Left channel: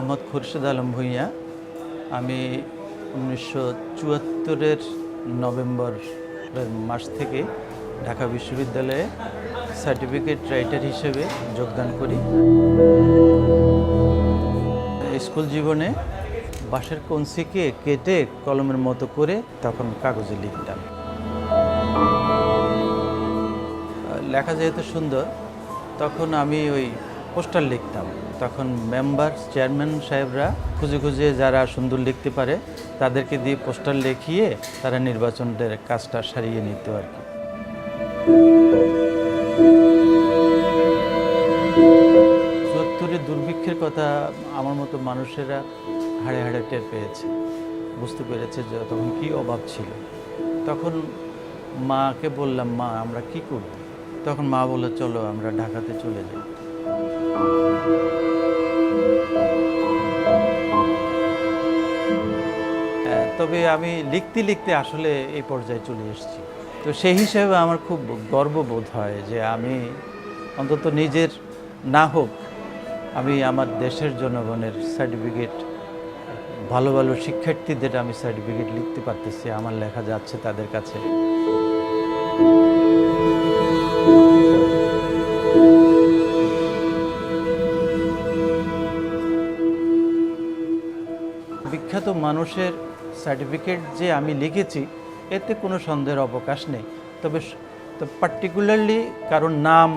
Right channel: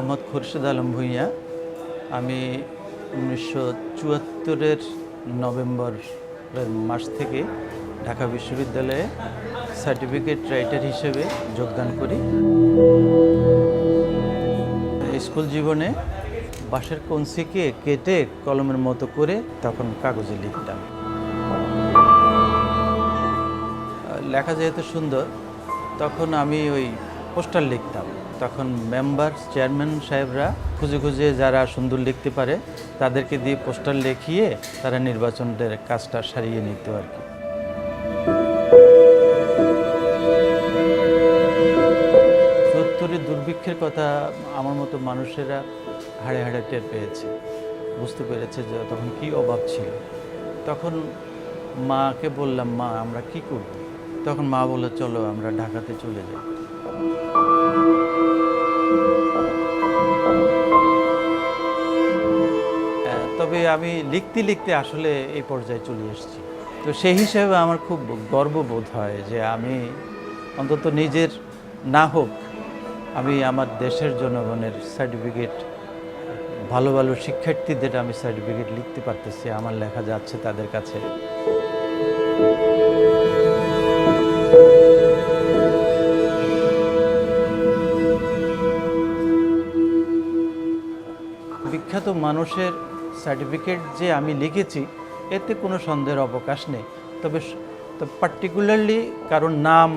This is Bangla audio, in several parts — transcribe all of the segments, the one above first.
মোহাম্মদ খুরশেদ আলম ভূঁইয়া। আমি 1974-এর নভেম্বর মাস থেকে ঢাকা বিশ্ববিদ্যালয়ে সার্টিফিকেট রাইটার হিসেবে যোগদান করি। স্কুল জীবনে বাঁশের কঞ্চিকে কেটে কলমের মতো করে তখন কাগজে লিখতাম। লেখা যেহেতু সুন্দর, তখন আমি ওই পোস্টার লিখতাম। তখন মেম্বার চেয়ারম্যান সাহেবরা খুঁজে খুঁজে যারা সুন্দর লিখতে পারে তাদেরকে দিয়ে পোস্টার লিখিয়ে তারা নির্বাচনের কাজটা সারিয়ে নিত আর কি। চুয়াত্তরের দুর্ভিক্ষের কথা আমার মতো মানুষেরা হাড়ে হাড়ে টের পেয়েছে, বুঝতে পেরেছে যে তখন কী অভাব ছিল। তখন মাকে বললাম, মা আমরা কি করব? তখন মা বলল, চলো আমরা ঢাকাতে চলে যাই। তবে আমি লিখতে লিখতে আসলে এই পর্যায়ে চলে এসেছি। তো সেই হিসেবে আমার খুব গর্ববোধ হয় যে আমি অন্তত নিজের না হোক, আমি আমার দেশের জনগণের সার্টিফিকেট, ভালো ভালো শিক্ষার্থীদের আমি সার্টিফিকেট লিখতে পারতেছি, আমার লেখা যাচ্ছে তাদের কাছে। বিখ্যাত মানুষের সার্টিফিকেট যে আমি লিখেছি এতে কোনো সন্দেহের অবকাশ নেই। তবে পার্টিকুলারলি কারোর নাম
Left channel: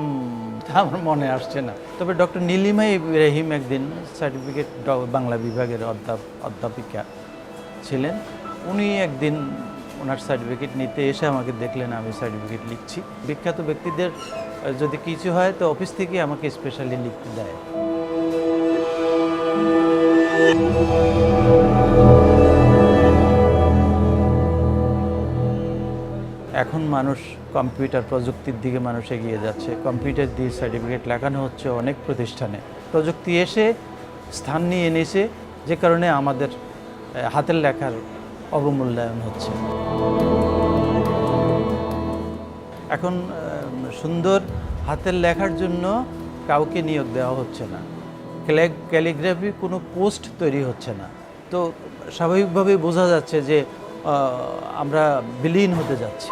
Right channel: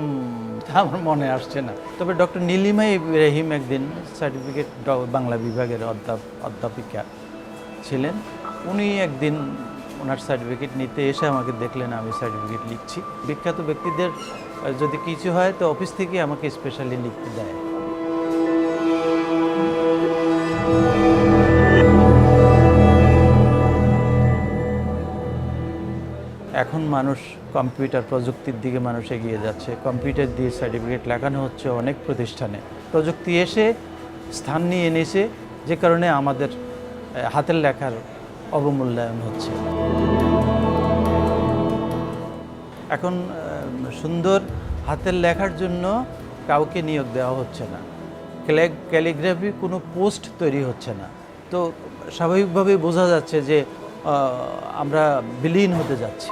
আমার মনে আসছে না। তবে ডক্টর নীলিমা ইব্রাহিম একদিন সার্টিফিকেট বাংলা বিভাগের অধ্যাপিকা ছিলেন। উনি একদিন ওনার সার্টিফিকেট নিতে এসে আমাকে দেখলেন আমি সার্টিফিকেট লিখছি। বিখ্যাত ব্যক্তিদের যদি কিছু হয় তো অফিস থেকে আমাকে স্পেশালি লিখতে দেয়। এখন মানুষ কম্পিউটার প্রযুক্তির দিকে মানুষ এগিয়ে যাচ্ছে। কম্পিউটার দিয়ে সার্টিফিকেট লেখানো হচ্ছে অনেক প্রতিষ্ঠানে। প্রযুক্তি এসে স্থান নিয়ে এনেছে, যে কারণে আমাদের হাতের লেখার অবমূল্যায়ন হচ্ছে। এখন সুন্দর হাতের লেখার জন্য কাউকে নিয়োগ দেওয়া হচ্ছে না। ক্যালিগ্রাফি কোনো পোস্ট তৈরি হচ্ছে না। তো স্বাভাবিকভাবেই বোঝা যাচ্ছে যে আমরা বিলীন হতে যাচ্ছি।